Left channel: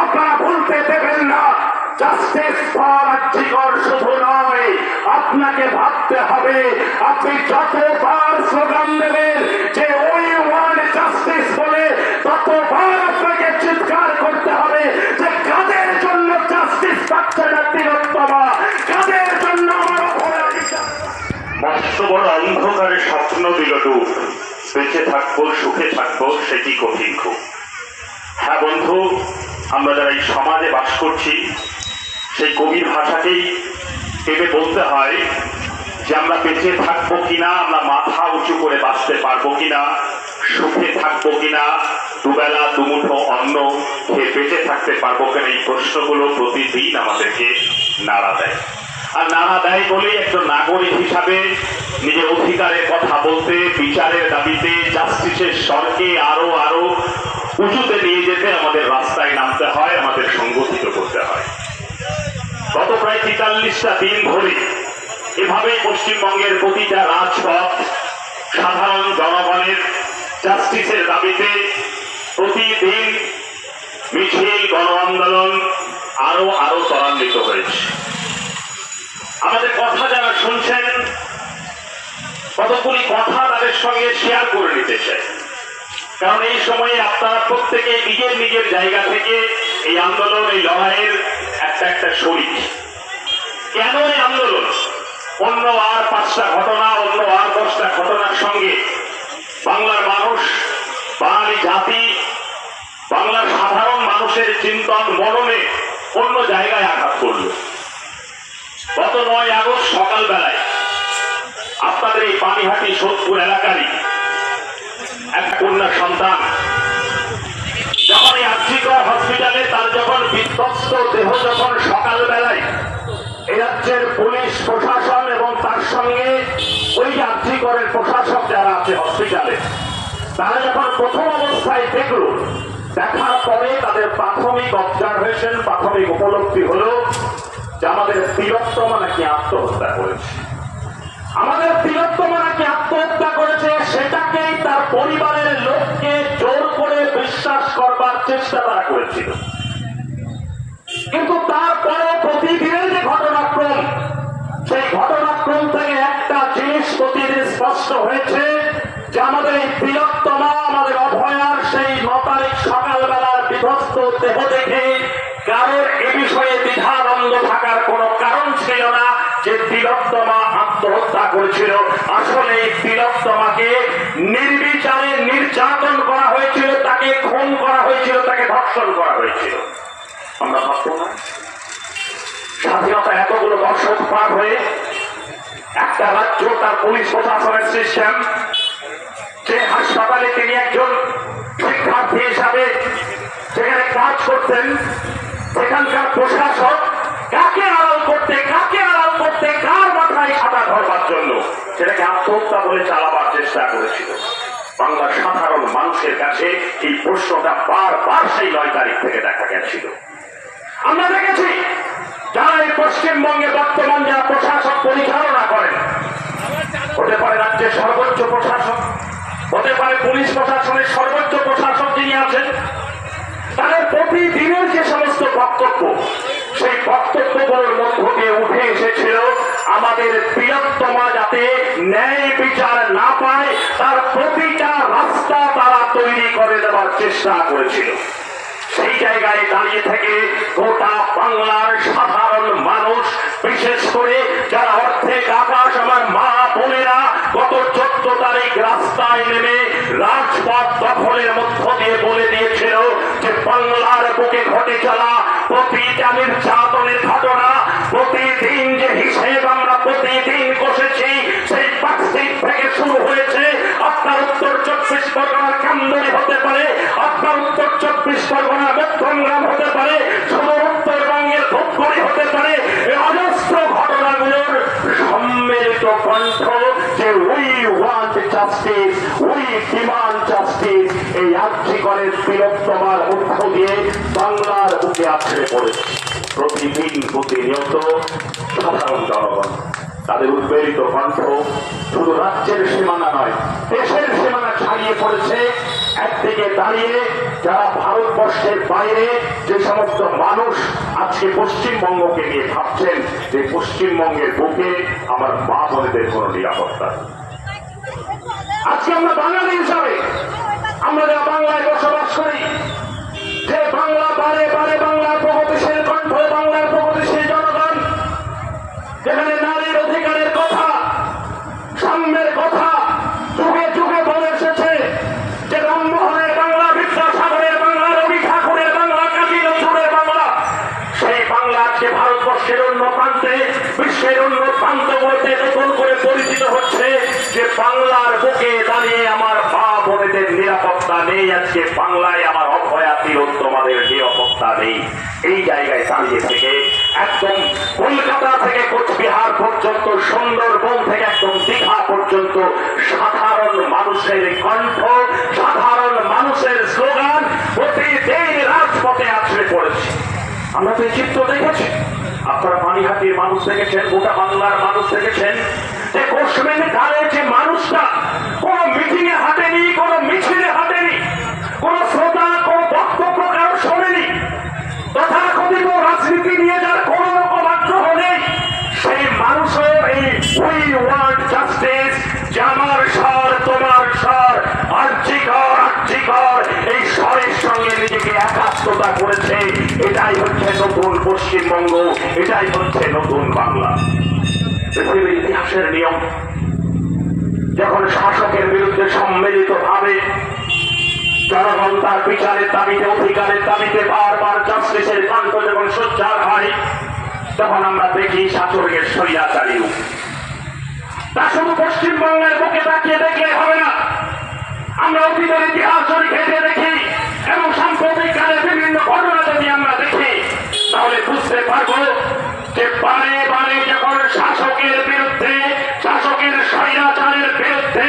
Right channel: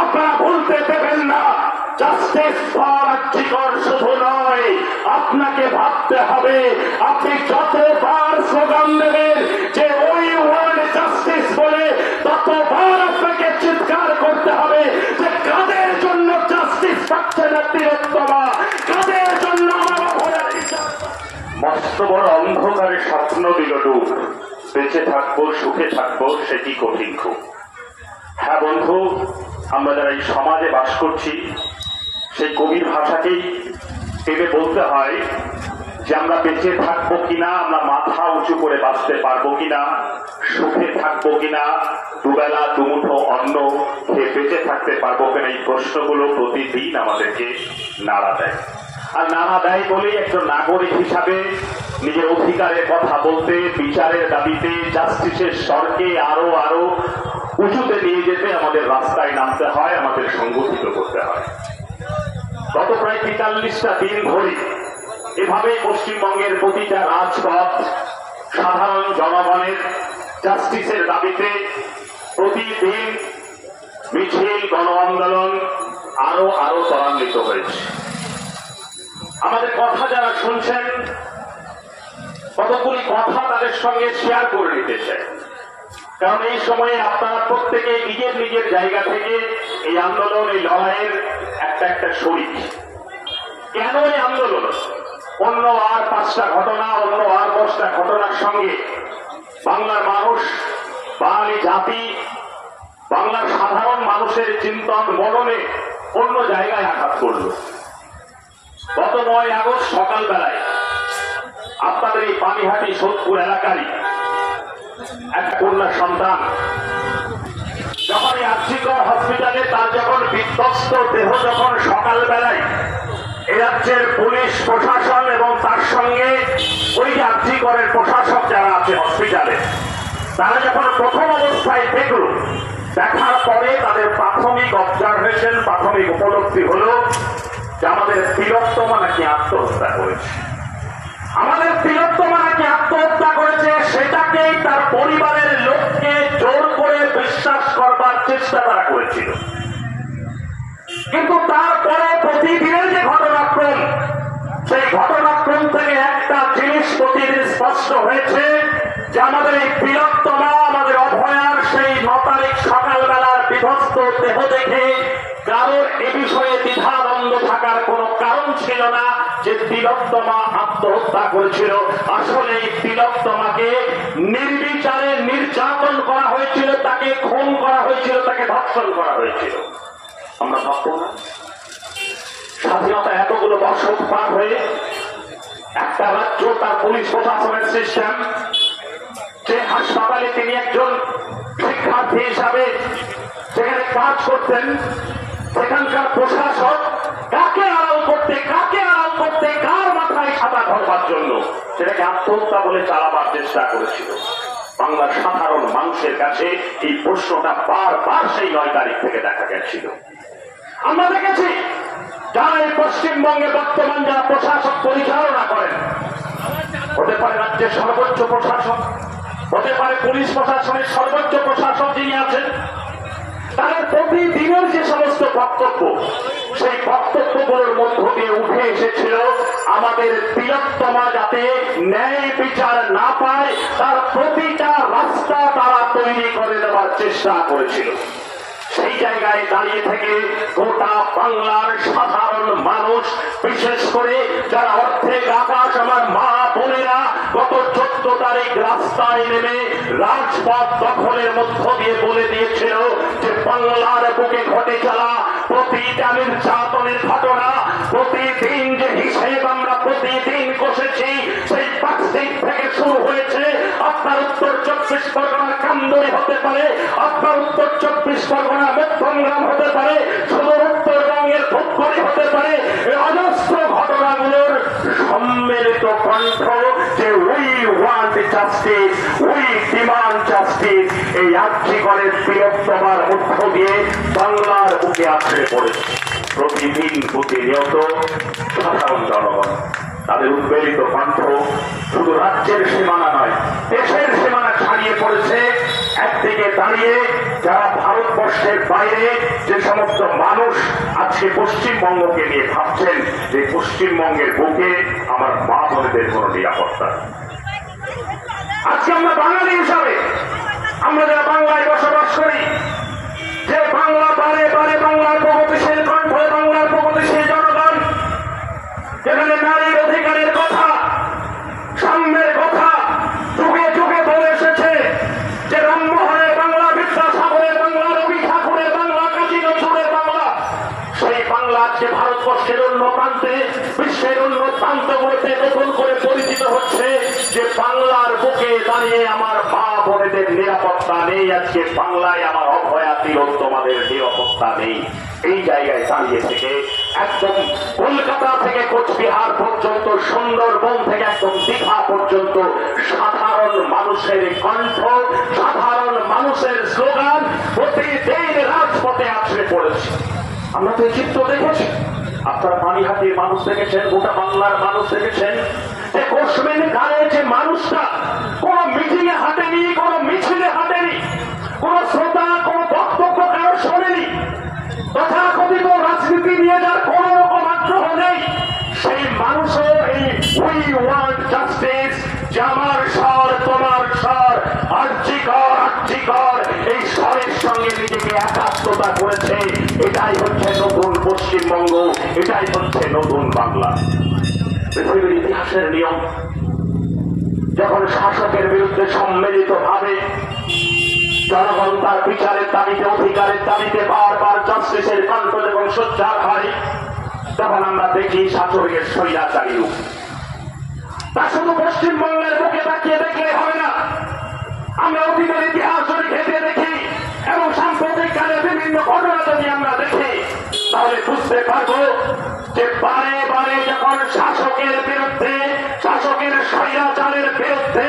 আপনারা ভুলতে দেবেন না। জাস্টিস ফর আর্জিকর শুধু নয়, আপনাকে ভাবতে হবে আপনি যতবার স্লোগান দেবেন যে ওই ওয়ার্ড জাস্টিস বলে, ততবার আপনাকে চিৎকার করতে হবে যে কাদের জন্য জাস্টিস পাচ্ছে না তিলোত্তমা, কাদের জন্য আমার অপরাধ বিচার। মস্ত বড় অন্ধকারে স্বপ্ন দিল ডুব, বেঁচে থাকবো সুখে থাকবো সেটি কঠিন খুব। হ্যাঁ বন্ধু, আমরা যারা এই সমাজে বাস করছি সেই কবির ভাষাকেই ভেবে বলতে হয় যে আমরা বেঁচে থাকবো কিনা, আমরা মাথা উঁচু করে বাঁচতে পারবো কিনা, সুখে থাকবো কিনা, দুবেলা দুমুঠো অন্ন খেয়ে বেঁচে থাকতে পারবো কিনা, এই প্রশ্নগুলো প্রতিদিন আমাদেরকে নাড়া দেয়। আর নাড়া দেয় বলেই একজন নাগরিক হিসাবে নিজের অধিকারের কথা বলতে, বিচারের দাবিতে, জাস্টিসের স্বরকে আরো আরো উঁচুতে নিয়ে যেতে আমাদের রাস্তায় নামতে হয়, আমাদের সংগঠিত করতে হয়। গত প্রায় ৪৩টা দিন ধরে এভাবেই পশ্চিমবঙ্গের প্রতিটা রাজপথ সাধারণ জনগণের জাস্টিসের দাবিতে প্রতিদিন মিছিল, গণ আন্দোলন আরো আরো ত্বরান্বিত হয়েছে। আমাদের কথা যারা শুনছেন, কতগুলি কথা তাদের সঙ্গে শেয়ার করে নিতে চাই, কারণ এই সময়ে আপনারা প্রত্যেকে নিজের নিজের জায়গা থেকে এই আন্দোলন, এই লড়াইয়ের একটা একটা শরীর। কেন এই আন্দোলন? অন্য আর 5টা ঘটনা, অন্য আর 10টা ঘটনার সঙ্গে বাংলার মানুষ, বাঙালি জাতি, বাংলার সাধারণ মানুষের চিন্তন মননে অন্য জায়গায় আঘাত করল। গত 9 আগস্ট সকালবেলায় আপনাদের এই পানিহাটি সোদপুর এলাকারই এক কন্যা সন্তান যখন এই আর্জিকর হসপিটালে তার যখন বিধ্বস্ত দেহ যখন সকালবেলায় এ রাজ্যের পুলিশ প্রশাসন এবং তার সঙ্গে ওই আর্জিকরের প্রশাসক যারা আছে হসপিটালে, তারা যখন প্রথম অবস্থায় দেখলো, দেখার পরে তাদের প্রাথমিক অবজারভেশন, প্রাথমিক উপলব্ধি হলো যে আমাদের তিলোত্তমা নাকি আত্মহত্যা করেছে। আমাদের তিলোত্তমা নাকি আত্মহত্যা করেছে, সেটাকেই তার পরিবারের লোককে জোর করে বিশ্বাস করবার চেষ্টা তারা করেছিল। কিন্তু তারপরে প্রতিদিনের যে ঘটনাক্রম, সেই ঘটনাক্রম থেকে একটা জিনিস প্রতিদিন স্পষ্ট হয়েছে যে আমাদের এই তিলোত্তমা, আমাদের অভয়ার সেই 9 তারিখ সকালবেলার বিধ্বস্ত দেহ দেখে কারোর এ বিষয়ে দ্বিধাদ্বন্দ্ব থাকার কোনো কারণ ছিল না যে তিলোত্তমা আত্মহত্যা করেছিল। আসলে এই তিলোত্তমাকে নির্বিচারে নির্যাতন করা হয়েছিল, তাকে খুন করা হয়েছিল, তাকে ধর্ষণ করা হয়েছিল। আমরা ভাববো না স্বাধীনতা এতগুলো দশক পার হয়ে একটা রাজ্য, তার পুলিশ প্রশাসনের সিস্টেম, যে হাসপাতালে তিনি একজন শিক্ষার্থী হিসাবে যেখানে কাজ করতেন, সেখানকার প্রশাসক কাকে আড়াল করতে, কার মাথায় ছাতা ধরবার জন্য সেটাকে আত্মহত্যা বলে চালাবার চেষ্টা করেছিল। বাংলার সাধারণ মানুষের কাছে এই প্রশ্নটা বারবার সেই 9 তারিখ থেকে দেখা গেছিল। আমরা দেখেছি যারা এই পশ্চিমবঙ্গে বর্তমান যারা প্রশাসক পরিচালনা করেন, হতে পারে রাজ্যের সর্বোচ্চ প্রশাসক, হতে পারে পুলিশ প্রশাসনের সর্বোচ্চ প্রশাসক যিনি আছেন, তাদের প্রতিদিনের যে সমস্ত বক্তব্য, সেই বক্তব্যগুলোর মধ্য দিয়ে উঠে এসেছিল আমাদের তিলোত্তমা যাতে ন্যায় বিচার না পায় তার প্রতিটা রাস্তা তারা তৈরি করে দেওয়ার চেষ্টা করেছিল। সেই জায়গায় দাঁড়িয়ে থেকে গোটা বাংলার সাধারণ মানুষ, বিশেষ করে যারা অর্ধেক আকাশ আমার মা বোনেরা, গত 14 তারিখ রাস্তায় নেমে রাজপথ দখলের মধ্য দিয়ে বলে দিয়েছিল যে বাংলার বুকে ঘটে চলা প্রতিটা নির্যাতনের ঘটনা, প্রতিদিন যে হিসেব আমরা প্রতিদিন কষেছি, সেই পার্কস্ট্রিট থেকে শুরু হয়েছে। আপনার উত্তর 24 পরগনার কামদুনি হতে পারে, আপনার উত্তর 24 পরগনার মধ্যমগ্রাম হতে পারে, সুদূর উত্তরবঙ্গের ধূপগুড়ি হতে পারে, এই অজস্র ঘটনাগুলোর সম্মিলিত কণ্ঠ যে we want justice, we demand justice, এই আর্জিকরের তিলোত্তমার মধ্য দিয়ে বাংলার বুকে আছড়ে পড়েছে। প্রতিদিন প্রতিনিয়ত সাধারণ জনগণ তাদের উদ্বেলিত কণ্ঠ শুধু রাজ্যের সীমানা নয়, দেশের সীমানা ছাড়িয়ে পড়েছে একদিকে দাঁড়িয়ে যারা ভারতবর্ষের বাইরে যে সমস্ত মানুষ আজকে পশ্চিমবঙ্গকে নিয়ে ভাবছেন যে পশ্চিমবঙ্গের বুকে আমার মা বোনেদের কোন নিরাপত্তা নেই। আজকে আমরা বাঙালি হিসাবে আমরা যারা বাংলায় বসবাস করি, যে বাংলা বারে বারে বাংলার প্রগতিশীল কণ্ঠ, বাংলার প্রগতিশীল জনগণ, যেখানে নারীর অধিকারের কথা, সাম্যের কথা যুগে যুগে বলে এসেছে, যে রামমোহনের বাংলা, বিদ্যাসাগরের বাংলা, রবি ঠাকুরের বাংলা, কাজী নজরুলের বাংলা, সেই বাংলা আজকে ভারতবর্ষের অন্য প্রান্তে, বিশ্বের অন্য প্রান্তগুলোতে নতুন করে পরিচিত হচ্ছে যে বাংলার বুকে দাঁড়িয়ে আমার মা বোনেদের নিরাপত্তা নেই, আজকে বাংলায় আমার অভয়া তিলোত্তমাদের নিরাপত্তা নেই। এই জায়গায় দাঁড়িয়ে থেকে একদম কলকাতা থেকে কোচবিহার পর্যন্ত, সুন্দরবন থেকে একদম দীঘা পর্যন্ত সাধারণ মানুষের কণ্ঠ, সাধারণ মানুষের স্লোগান প্রতিদিন রাজপথে আছড়ে পড়েছে। আমরা তো এই চিত্র দেখেছি, আপনারা পানিহাটির মানুষ দেখেছেন, গোটা বাংলার মানুষ দেখেছেন, যে কোশমিন গানে যে মানুষটা কোন মিটিং এ হাঁটেনি, কোন মিছিলে হাঁটেনি, কোন শ্রোতা, কোন বক্তব্য কারো শোনেনি, তথাকথিত রাজনীতি নিয়ে যার কোন রকম আগ্রহ নেই, সেই মানুষও এই উই ওয়ান্ট জাস্টিস, যে আমার স্বর তোমার স্বর, আর্যিকর আর্যিকর, এই স্বরের সঙ্গে নিজেকে একাত্মতা করেছে। এটাই হচ্ছে নতুন পশ্চিমবঙ্গ, এটাই হচ্ছে নতুন বাংলা। পৃথিবীর ইতিহাসের নিয়ম, যখন শাসকের বিরুদ্ধে সম্মিলিত ভাবে জনগণ তার বিচারের দাবিতে, অধিকারের দাবিতে বারবার জাস্টিসের কণ্ঠ যখন সোচ্চার হয়, তখন আমরা দেখি শাসকের স্বৈরাচারী রূপ। তা শুধু পশ্চিমবঙ্গের বুকে তাকিয়ে দেখলে হবে না, আমরা অতীতের ইতিহাস যদি ঘেঁটে দেখি এবং সাম্প্রতিক কালে বিভিন্ন ঘটনা যদি আমরা দেখি, তাহলে বুঝতে পারবো যে বারে বারে যখন শাসকের বিরুদ্ধে, শাসকের স্বৈরাচারের বিরুদ্ধে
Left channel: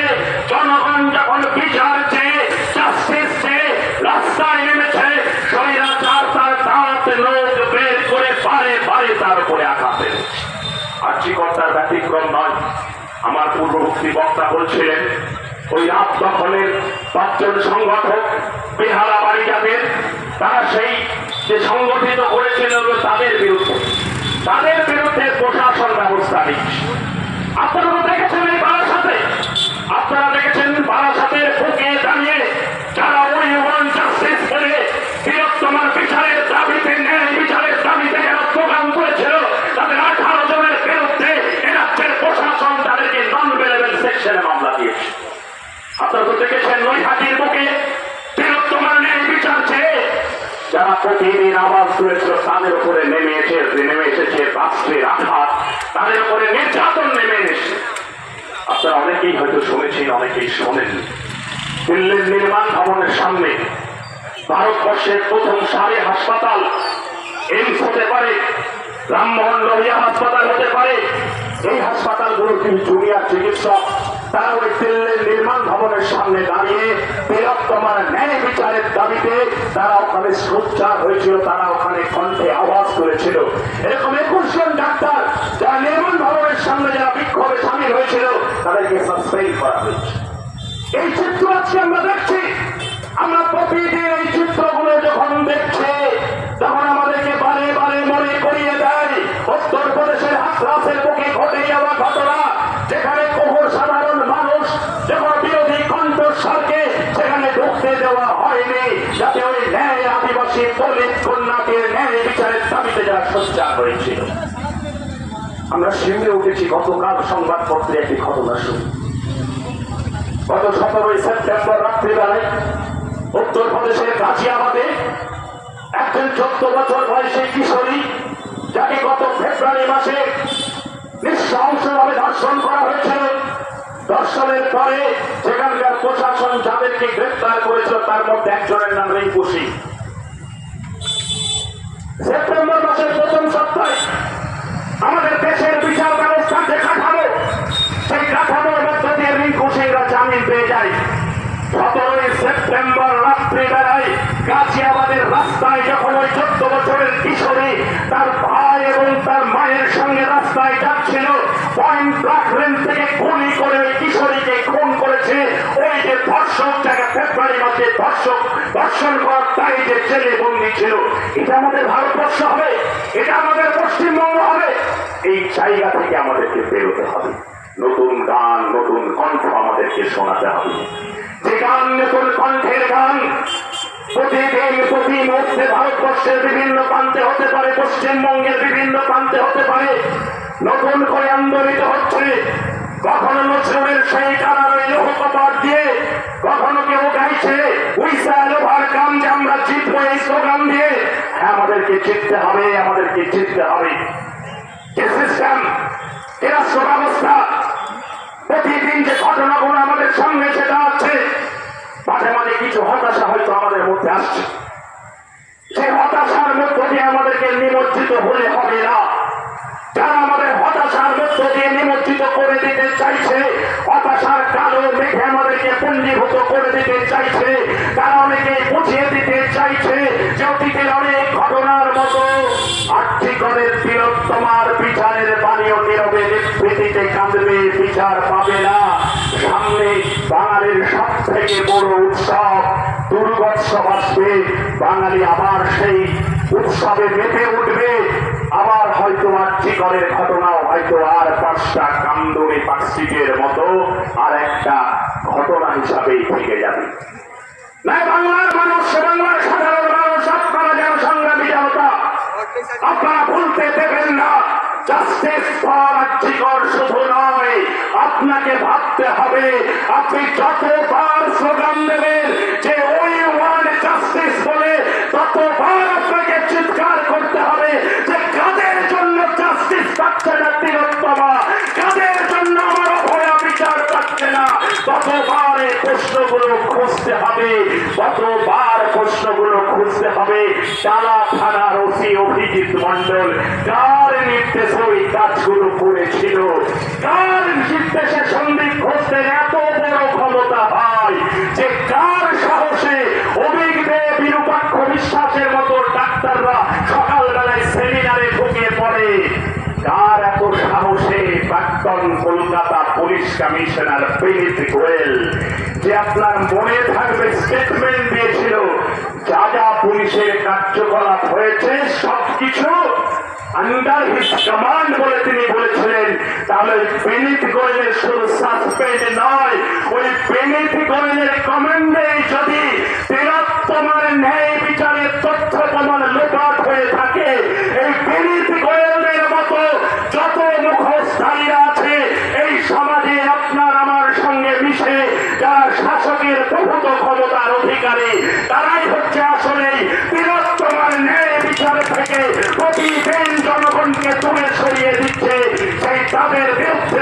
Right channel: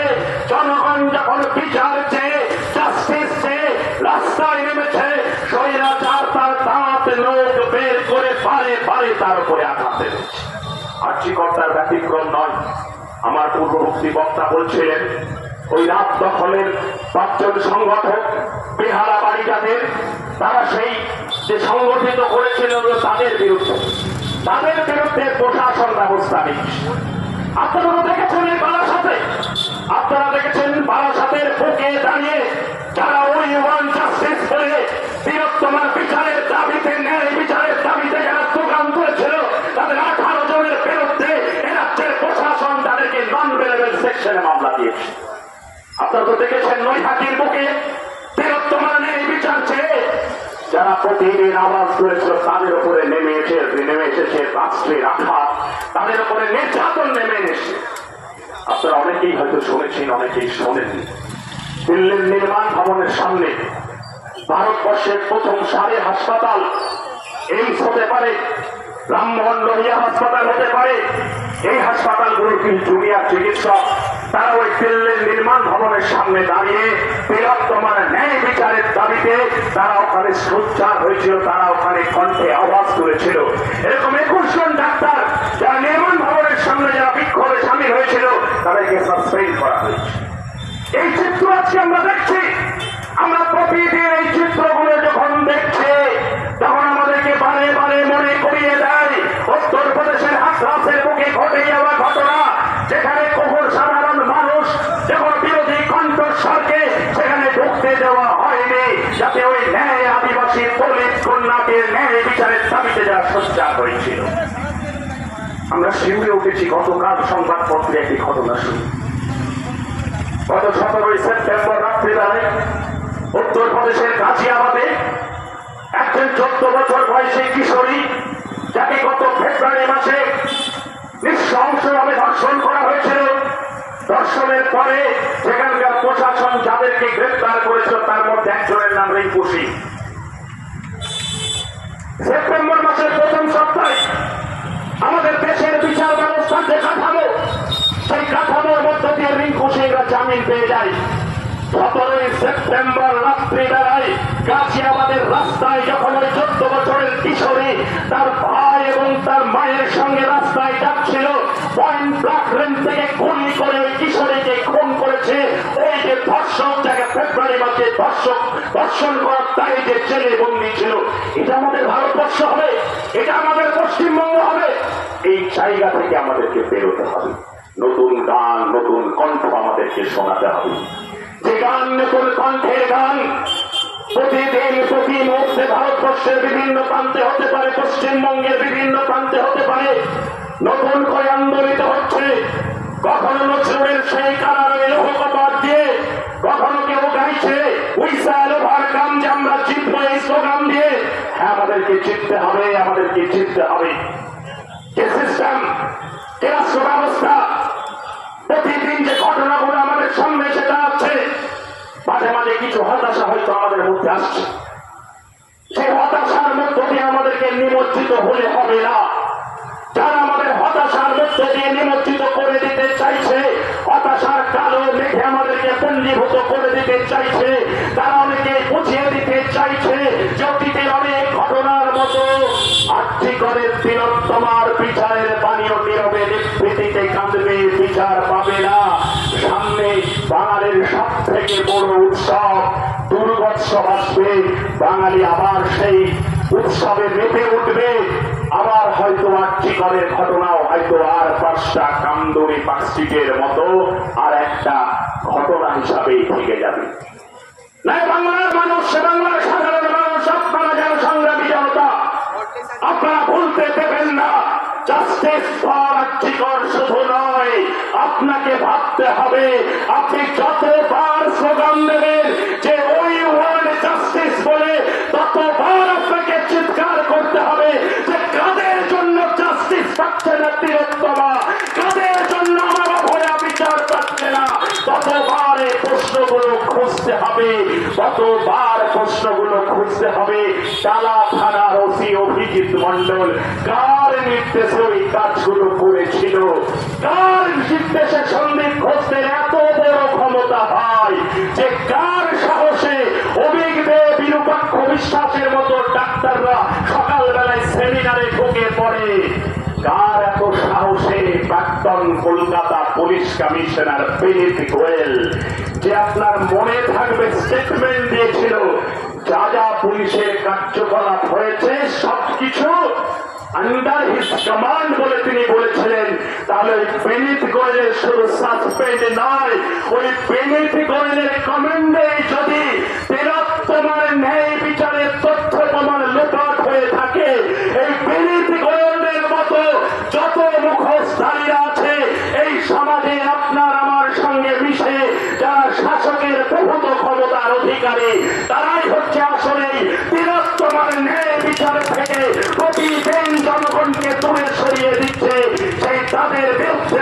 জনগণ যখন বিচার চেয়ে, জাস্টিস চেয়ে রাস্তায় নেমেছে, স্বৈরাচার তার দাঁত লোক বের করে বারে বারে তার উপরে আঘাত এনেছে। আর্যিকর্তার ব্যতিক্রম নয়। আমার পূর্ববর্তী বক্তা বলছিলেন, ওই রাত দখলের 5 জন সংগঠক বেহালা বাড়ি যাদের, তারা সেই যে সংগঠিত করেছিল তাদের বিরুদ্ধে প্রশাসন ব্যবস্থা নিচ্ছে। আপনারা তো দেখেছেন এই বারাসাতে, আপনারা দেখেছেন বারাসাতের বুকে দাঁড়িয়ে যারা ওই ওয়ান জাস্টিস করে বৃহত্তমার বিচারের দাবিতে, ন্যায় বিচারের দাবিতে যারা স্লোগান করেছিল, তাদের 18 জনের বিরুদ্ধে এরাজ্যের প্রশাসন তাদেরকে নন অ্যাভেলেবল সেকশনে মামলা দিয়েছে। আপনারা তো দেখেছেন নৈহাটির বুকে বৃহত্তমার ন্যায় বিচার চেয়ে যারা প্রতিদিন আওয়াজ তুলেছিল, তাদের উপরে নেমে এসেছে রাষ্ট্রের আঘাত, তাদের উপরে নির্যাতন নেমে এসেছে। আপনারা অনেকেই হয়তো শুনেছেন, অনেকেই শোনেননি। দিল্লির নির্মাণ ভবনের সামনে ভারতবর্ষের প্রথম সারি হাসপাতাল এইমস হতে পারে, রামমোহন লোহিয়া হাসপাতাল হতে পারে। এই হাসপাতালগুলোর কিছু জুনিয়র চিকিৎসক তারা ওই দিল্লির নির্মাণ ভবনের সামনে দাঁড়িয়ে বৃহত্তমার ন্যায় বিচারের দাবিতে তারা ওখানে সোচ্চার হয়েছিল, তারা ওখানে কণ্ঠে আওয়াজ তুলেছিল। এরকম 21 জন ডাক্তার যারা নির্মাণ ভবনের সামনে যারা বিক্ষোভে সামিল হয়েছিল, তাদেরকে সাসপেন্ড করা হয়েছে। এই চিত্র আজকে আমরা দেখছি। আমরা প্রতিদিন এই চিত্রগুলো যখন দেখছি, তখন আমাদেরকে বারে বারে মনে করিয়ে দেয় উত্তরপ্রদেশের হাথরাসের বুকে ঘটে যাওয়া ঘটনা, যেখানে কঠোর সাধারণ মানুষ যখন বিরোধী কণ্ঠস্বরকে সেখানে ঢুকতে দেওয়া হয়নি, যাতে ওই ন্যায় আদিবাসী দলিত কন্যাকে ন্যায় বিচারের দাবিতে যারা সোচ্চার হয়েছিল। আমরা শিউরে উঠেছি। গতকাল সংবাদপত্রে একটি ঘটনা শুনি। গত 17 সেপ্টেম্বর রাত্রিবেলায় উত্তরপ্রদেশের গাজিয়াবাদে একজন 14 বছর বয়সী কিশোরী, যাকে গত ফেব্রুয়ারি মাসে নৃশংসভাবে ধর্ষণ করা হয়েছিল। ধর্ষণের পরে সেখানকার প্রশাসন যাদেরকে গ্রেফতার করেছিল, তার মধ্যে একজনের নাম রিঙ্কু সিং। সেপ্টেম্বর মাসের প্রথম সপ্তাহে আমাদের দেশের বিচার ব্যবস্থার যে কাঠামো, সেই কাঠামোর মধ্য দিয়ে রিঙ্কু সিংরা জামিন পেয়ে যায়। 17ই সেপ্টেম্বর রাত্রিবেলায় গাছিয়াবাদের রাস্তায় যখন ওই 14 বছরের কিশোরী তার ভাই এবং তার মায়ের সঙ্গে রাস্তায় যাচ্ছিল, পয়েন্ট ব্ল্যাঙ্ক রেঞ্জ থেকে গুলি করে ওই কিশোরীকে খুন করেছে ওই যে ধর্ষক, যাকে ফেব্রুয়ারি মাসে ধর্ষণ করার তাই যে জেলে বন্দী ছিল। এটা আমাদের ভারতবর্ষ হবে? এটা আমাদের পশ্চিমবঙ্গ হবে? এই জায়গা থেকে আমাদেরকে বেরোতে হবে। নতুন গান, নতুন কণ্ঠ আমাদেরকে শোনাতে হবে। যে গান নতুন কণ্ঠের গান প্রতিদিন প্রতি মুহূর্তে ভারতবর্ষের বিভিন্ন প্রান্তে হতে পারে, পশ্চিমবঙ্গের বিভিন্ন প্রান্তে হতে পারে, নতুন করে আন্দোলিত হচ্ছে। কখনো নজরুলের সেই কারারে লৌহ কপাট দিয়ে, কখনো কেউ গাইছে উইসাল ওভারকাম, যে আমরা জিতবো এই স্লোগান দিয়ে। হ্যাঁ, আমাদেরকে জিততে হবে, আমাদেরকে জিততে হবে। যে সিস্টেম, যে রাষ্ট্র ব্যবস্থা, প্রতিদিন যে ঘটনাগুলো আমাদের সামনে সেটা আছে, মাঝে মাঝে কিছু হতাশা হয়তো আমাদের মধ্যে আসছে। সেই হতাশার মধ্য দিয়ে আমাদেরকে নিমজ্জিত হলে হবে না। যারা আমাদের হতাশার মধ্য দিয়ে নিমজ্জিত করে দিতে চাইছে, হতাশার কালো মেঘে আমাদেরকে পুঞ্জীভূত করে দিতে চাইছে, তারা অনেকে বুঝিয়ে দিতে চাইছে যে অতীতের অনেক ঘটনার মতো আর্থিকরের তিলোত্তমার বিচারের পানীয় নীরবে নিভৃতিতে কাঁদবে, বিচার পাবে না। সামনে বাঙালির সব থেকে বড় উৎসব দুর্গোৎসব আসবে। বাঙালি আবার সেই উৎসবে মেতে উঠবে। আবার হয়তো আর্থিকরের ঘটনাও হয়তো আর 5টা কান্দুরি পার্কস্ট্রিটের মতো আর একটা ঘটনা হিসাবেই থেকে যাবে। না, বাংলার মানুষ, বাংলার সাধারণ মানুষ, আপনারা যেন সংগ্রামী জনতা, আপনারা ভুলতে দেবেন না। জাস্টিস ফর আর্থিকর শুধু নয়, আপনাকে ভাবতে হবে আপনি যতবার স্লোগান দেবেন যে ওই ওয়ার্ড জাস্টিস বলে, ততবার আপনাকে চিৎকার করতে হবে যে কাদের জন্য জাস্টিস পাচ্ছে না তিলোত্তমা, কাদের জন্য আমার অভয়া বিচার পাচ্ছে না। ততবার এই প্রশ্নগুলো খুঁজতে হবে, ততবার প্রশ্নগুলো খুঁজতে হবে। টালা থানার ওসি অভিজিৎ মন্ডল কার নির্দেশে ওই কাজগুলো করেছিল, কার নির্দেশে সন্দীপ ঘোষের এত বড় ক্ষমতা হয়, যে কার সাহসে অভিজ্ঞ বিরূপাক্ষ বিশ্বাসের মতো ডাক্তাররা সকালবেলায় সেমিনারে ঢুকে পড়ে, কার এত সাহসে প্রাক্তন কলকাতা পুলিশ কমিশনার বিনীত গোয়েল, যে আপনার মনে থাকবে স্টেটমেন্ট দিয়েছিল যা যা পুলিশের কার্যকলাপ হয়েছে সবকিছু আন্ডার হিজ কমান্ড বলে তিনি বলেছিলেন। তাহলে বিনীত গোয়েলের শুধু সাসপেন্ড নয়, ওই বিনীত গোয়েলের কমান্ডে যদি তিলোত্তমার ন্যায় বিচারের তথ্য প্রমাণ লোপাট হয়ে থাকে, এই বিনীত গোয়েলের মতো যত মুখোশধারীরা আছে এই সমাজে আপনার আমার সঙ্গে মিশে যারা শাসকের প্রভূত ক্ষমতার অধিকারী, তারাই হচ্ছে আসলে তিলোত্তমার ন্যায় বিচার থেকে প্রতিদিন জনগণকে দূরে সরিয়ে দিচ্ছে। সেই তাদের বিরুদ্ধে